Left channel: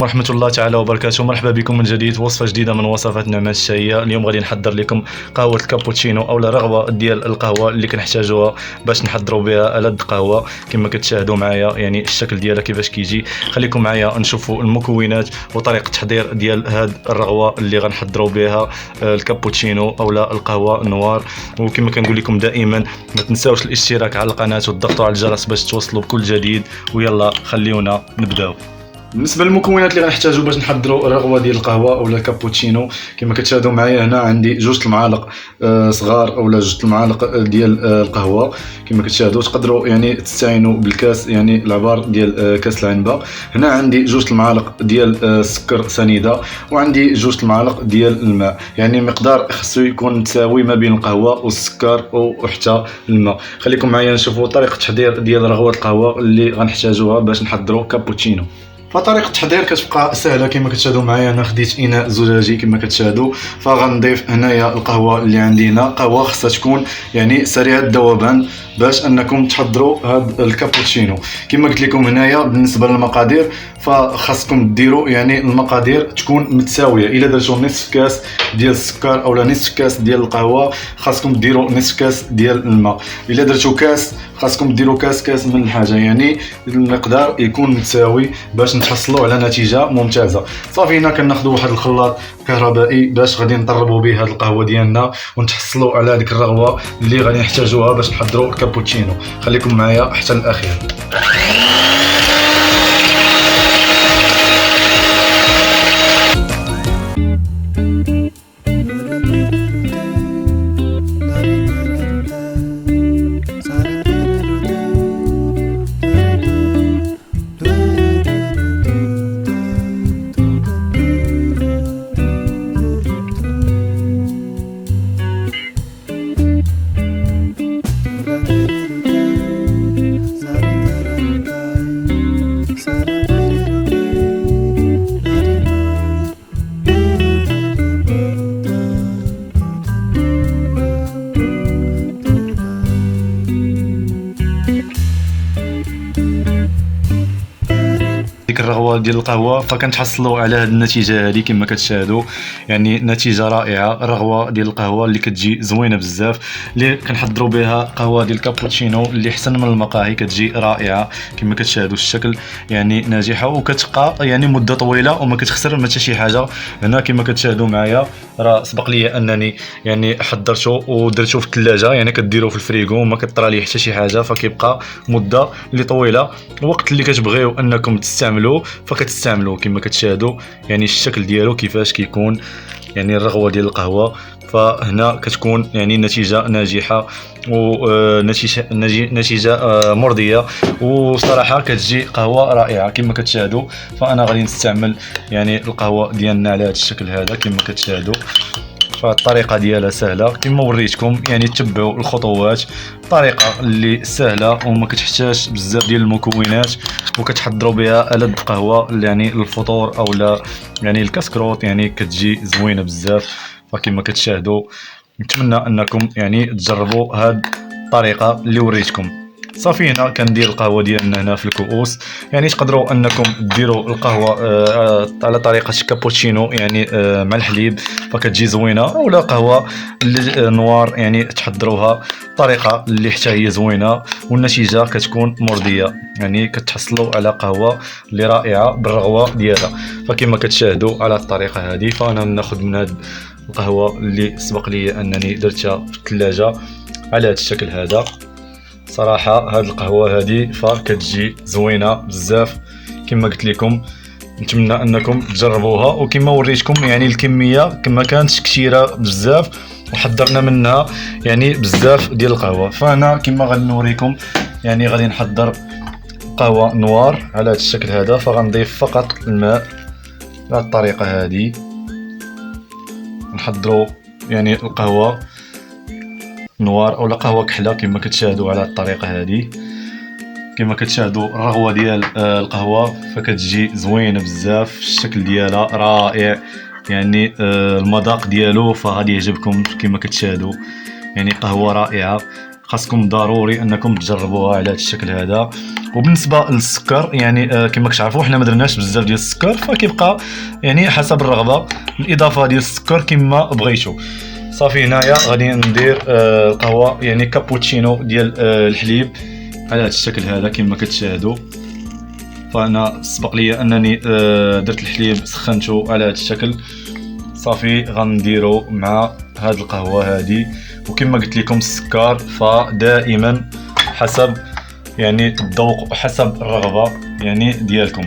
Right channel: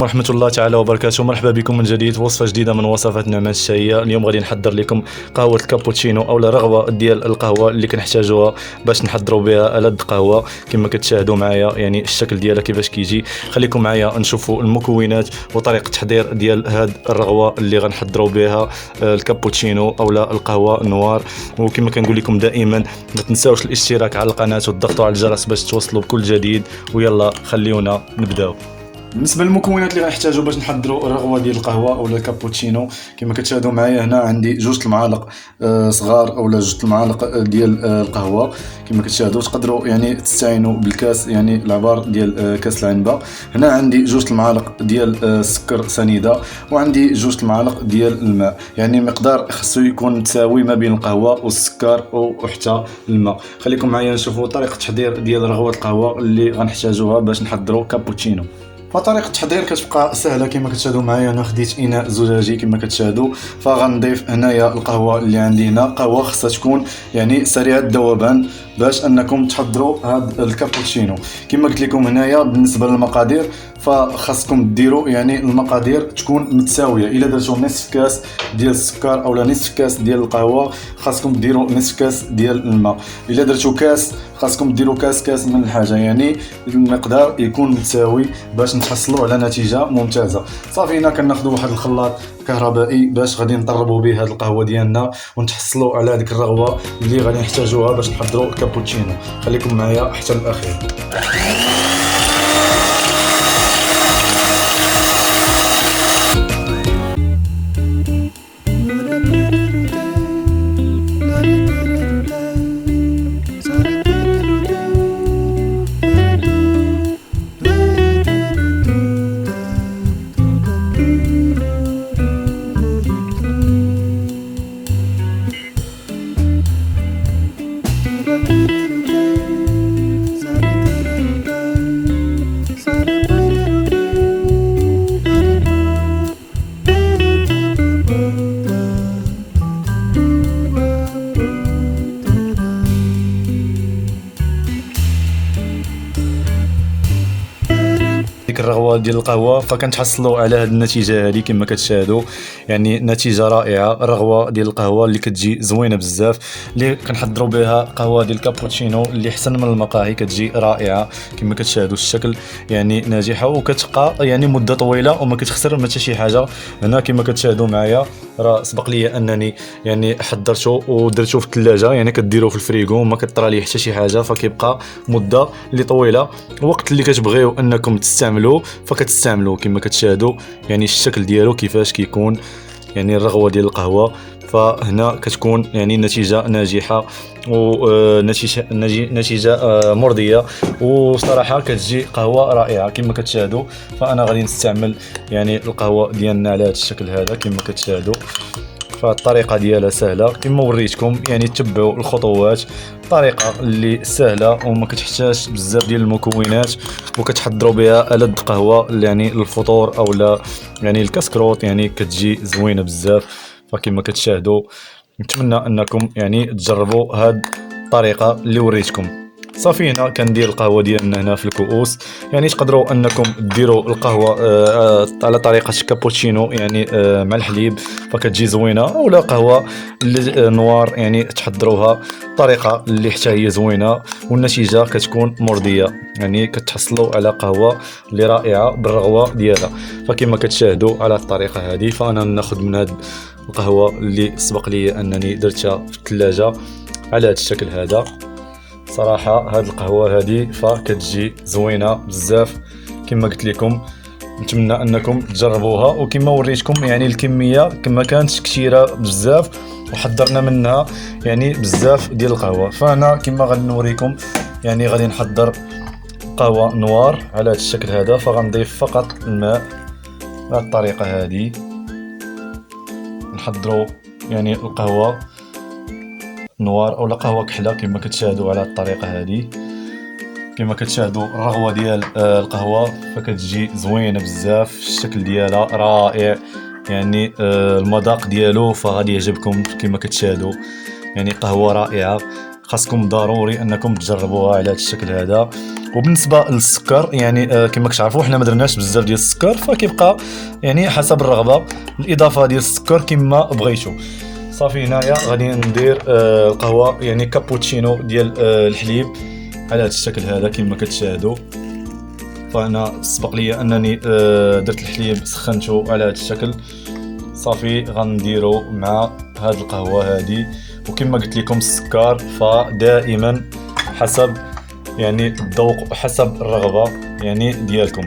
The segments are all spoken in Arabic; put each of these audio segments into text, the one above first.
ورحمة الله تعالى وبركاته. مرحبا بكم من جديد، وصفة جديدة من وصفات نعمان الشهية. اليوم غادي نحضر لكم قهوة الكابوتشينو اولا رغوة ديال القهوة اللي كنحتاجوها باش نحضروا بها ألذ قهوة كما كتشاهدوا معايا. يعني الشكل ديالها كيفاش كيجي. خليكم معايا نشوفوا المكونات وطريقة التحضير ديال هاد الرغوة اللي غنحضروا بها الكابوتشينو اولا القهوة نوار. وكما كنقول لكم دائما ما تنساوش الاشتراك على القناة والضغط على الجرس باش توصلوا بكل جديد. ويلا خليونا نبداو. بالنسبه للمكونات اللي غنحتاجو باش نحضروا الرغوه ديال القهوه اولا كابوتشينو، كما كتشاهدوا معايا هنا عندي 2 المعالق صغار اولا 2 المعالق ديال القهوه. كما كتشاهدوا تقدروا يعني تستعينوا بالكاس، يعني العبار ديال كاس العنبه. هنا عندي 2 المعالق ديال السكر سنيده، وعندي 2 المعالق ديال الماء. يعني مقدار خصو يكون متساوي ما بين القهوه والسكر وحتى الماء. خليكم معايا نشوفوا طريقه التحضير ديال رغوه القهوه اللي غنحتاجوها باش نحضروا كابوتشينو. فطريقه التحضير كتبقى سهله. كما كتشاهدوا معايا انا خديت اناء زجاجي كما كتشاهدوا، فغنضيف هنايا القهوه اللي عندي هنا. قهوه خصها تكون يعني سريعه الذوبان باش انكم تحضروا هذا الكابوتشينو. كما قلت لكم هنايا بالنسبه للمقادير فخاصكم ديروا يعني المقادير تكون متساويه. الا درتوا نصف كاس ديال السكر اولا نصف كاس ديال القهوه خاصكم ديروا نصف كاس ديال الماء. الا درتوا كاس خاصكم ديروا كاس من الحاجه، يعني المقدار يكون متساوي باش نتحصلوا على نتيجه ممتازه. صافي هنا كناخذوا واحد الخلاط كهربائي باش غادي نطربوا به هذه القهوه ديالنا ونتحصلوا على هذيك الرغوه اللي غادي نحتاجوها باش نحضروا الكابوتشينو. خليكم معايا حتى الاخير. الرغوه ديال القهوه فكنتحصلوا على هذه النتيجه هذه كما كتشاهدوا. يعني نتيجه رائعه، رغوه ديال القهوه اللي كتجي زوينه بزاف اللي كنحضروا بها قهوه ديال الكابوتشينو اللي احسن من المقاهي كتجي رائعه. كما كتشاهدوا الشكل يعني ناجحه وكتبقى يعني مده طويله وما كتخسر ما حتى شي حاجه. هنا كما كتشاهدوا معايا راه سبق لي انني يعني حضرته ودرته في الثلاجه، يعني كديروه في الفريغو وما كطرى ليه حتى شي حاجه، فكيبقى مده اللي طويله. الوقت اللي كتبغيو انكم تستعملوه فكتستعملوه. كما كتشاهدوا يعني الشكل ديالو كيفاش كيكون، يعني الرغوه ديال القهوه. فهنا كتكون يعني نتيجه ناجحه ونتيجه مرضيه، وصراحه كتجي قهوه رائعه كما كتشاهدوا. فانا غادي نستعمل يعني القهوه ديالنا على هذا الشكل هذا كما كتشاهدوا. فالطريقه ديالها سهله كما وريتكم، يعني تبعوا الخطوات. طريقه اللي سهله وما كتحتاج بزاف ديال المكونات وكتحضروا بها ألذ قهوه يعني الفطور او لا يعني الكسكروت، يعني كتجي زوينه بزاف. فكما كتشاهدوا نتمنى انكم يعني تجربوا هاد الطريقه اللي وريتكم. صافي هنا كندير القهوه ديالنا هنا في الكؤوس. يعني تقدروا انكم ديروا القهوه على طريقه كابوتشينو يعني مع الحليب فكتجي زوينه، اولا قهوه نوار يعني تحضروها طريقه اللي حتى هي زوينه والنتيجه كتكون مرضيه. يعني كتحصلوا على قهوه اللي رائعه بالرغوه ديالها. فكما كتشاهدوا على الطريقه هذه فانا ناخذ من هذه القهوه اللي سبق لي انني درتها في الثلاجه على هذا الشكل هذا. صراحه هاد القهوه هذه فكتجي زوينه بزاف كما قلت لكم. نتمنى انكم تجربوها، وكما وريتكم يعني الكميه كما كانتش كثيره بزاف وحضرنا منها يعني بزاف ديال القهوه. فانا كما غادي نوريكم يعني غادي نحضر قهوه نوار على هذا الشكل هذا. فغنضيف فقط الماء بهذه الطريقه هذه. نحضروا يعني القهوه نوار اولا قهوه كحله كما كتشاهدوا على الطريقه هذه. كما كتشاهدوا الرغوه ديال القهوه فكتجي زوينه بزاف، الشكل ديالها رائع، يعني المذاق ديالو فغادي يعجبكم. كما كتشاهدوا يعني قهوه رائعه، خاصكم ضروري انكم تجربوها على هذا الشكل هذا. وبالنسبه للسكر يعني كما كتعرفوا حنا ما درناش بزاف ديال السكر، فكيبقى يعني حسب الرغبه الاضافه ديال السكر كما بغيتو. صافي هنايا غادي ندير القهوه يعني كابوتشينو ديال الحليب على هذا الشكل هذا كما كتشاهدوا. فانا سبق لي انني درت الحليب سخنته على هذا الشكل. صافي غنديرو مع هاد القهوه هذه، وكما قلت لكم السكر فدائما حسب يعني الذوق وحسب الرغبه يعني ديالكم.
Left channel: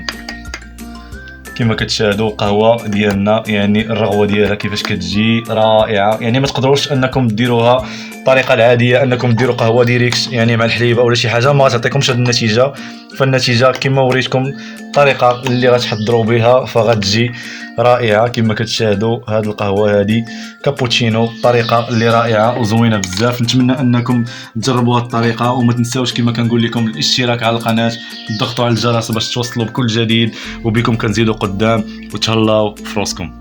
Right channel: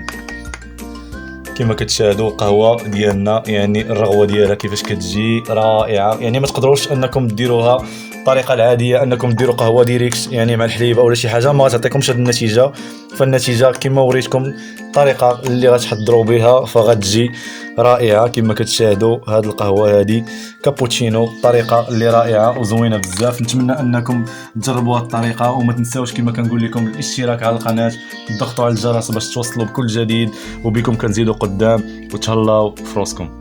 كما كتشاهدوا القهوه ديالنا يعني الرغوه ديالها كيفاش كتجي رائعه. يعني ما تقدروش انكم ديروها الطريقه العاديه انكم ديروا قهوه ديريكت يعني مع الحليب او شي حاجه، ما غتعطيكمش هذه النتيجه. فالنتيجه كما وريتكم الطريقه اللي غتحضروا بها فغتجي رائعه. كما كتشاهدوا هذه القهوه هذه كابوتشينو طريقه اللي رائعه وزوينه بزاف. نتمنى انكم تجربوا هذه الطريقه، وما تنساوش كما كنقول لكم الاشتراك على القناه، تضغطوا على الجرس باش توصلوا بكل جديد، وبكم كنزيدوا قدام. وتهلاو في راسكم.